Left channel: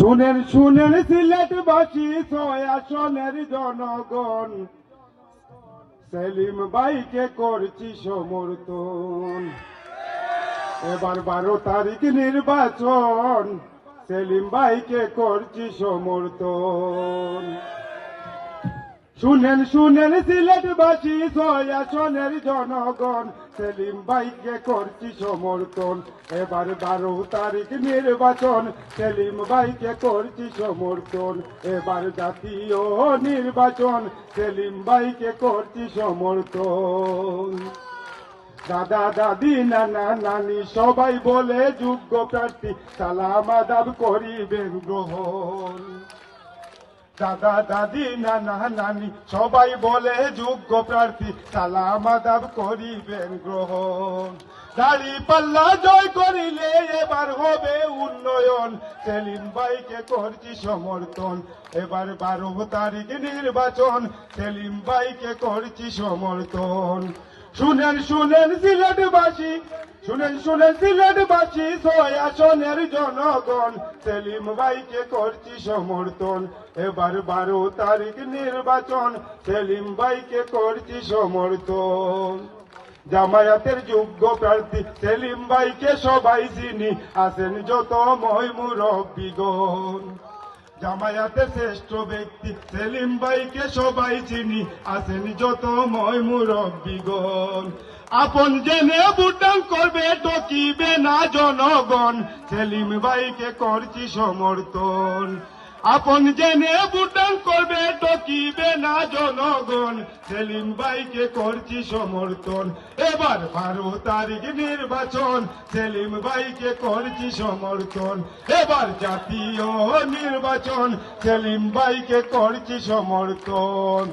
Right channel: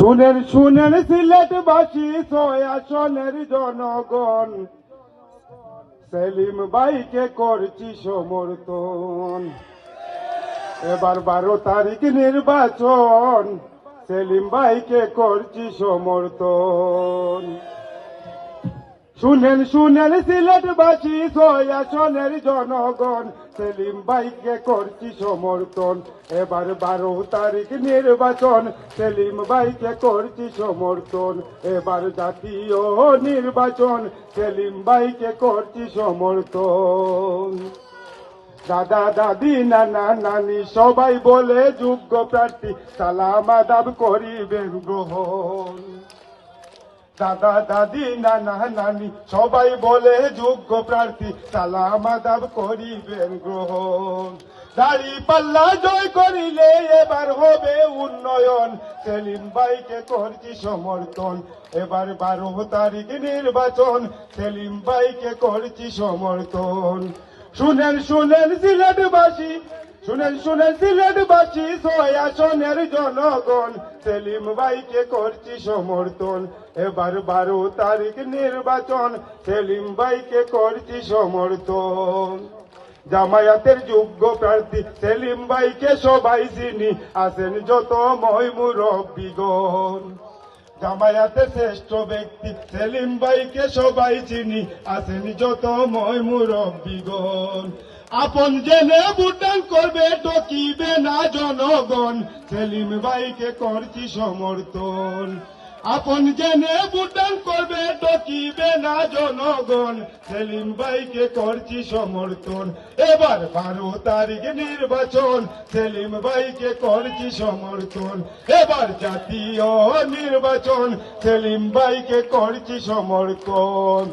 শুনেন শুনেন সিলেটবাসী ৬ আসনের জনগণ, সেলিম ভাইকে করছি সমর্থন। এবার ১২ তারিখ নির্বাচন, সেলিম ভাইকে করছি সমর্থন। শুনেন শুনেন সিলেটবাসী ৬ আসনের জনগণ, সেলিম ভাইকে করছি সমর্থন। এবার ১২ তারিখ নির্বাচন, সেলিম ভাইকে করছি সমর্থন। এবার জাতীয় নির্বাচন, সেলিম ভাইকে করছি সমর্থন। দাদা দাদি নানা নানি সবাই বলে যোগ্য প্রার্থী, সালাম আদাব করিবেন গ্রহণ। দাদা দাদি নানা নানি সবাই বলে যোগ্য প্রার্থী, সালাম আদাব করিবেন গ্রহণ। দাড়ি পাল্লা জয় করিলে এবার হবে উন্নয়ন, সেলিম ভাইকে করছি সমর্থন। এবার ১২ তারিখ নির্বাচন, সেলিম ভাইকে করছি সমর্থন। শুনেন শুনেন সিলেটবাসী, শুনেন শুনেন সিলেটবাসী ৬ আসনের জনগণ, সেলিম ভাইকে করছি সমর্থন। এবার ১২ তারিখ নির্বাচন, সেলিম ভাইকে করছি সমর্থন। জামায়াতের যোগ্য প্রার্থী সেলিম ভাইকে সবাই চিনি, আছেন যত মুরব্বীগণ। জামায়াতের শ্রেষ্ঠ ব্যক্তি সেলিম ভাইকে সবাই চিনি, আছেন যত মুরব্বীগণ। আপন জেনে ভোটদান করবে, ঠকিবে না জনগণ, সেলিম ভাইকে করছি সমর্থন। আপন জেনে ভোটদান করবে, ঠকিবে না জনগণ, সেলিম ভাইকে করছি সমর্থন। এবার ১২ তারিখ নির্বাচন, সেলিম ভাইকে করছি সমর্থন। এবার জাতীয় নির্বাচন, সেলিম ভাইকে করছি সমর্থন।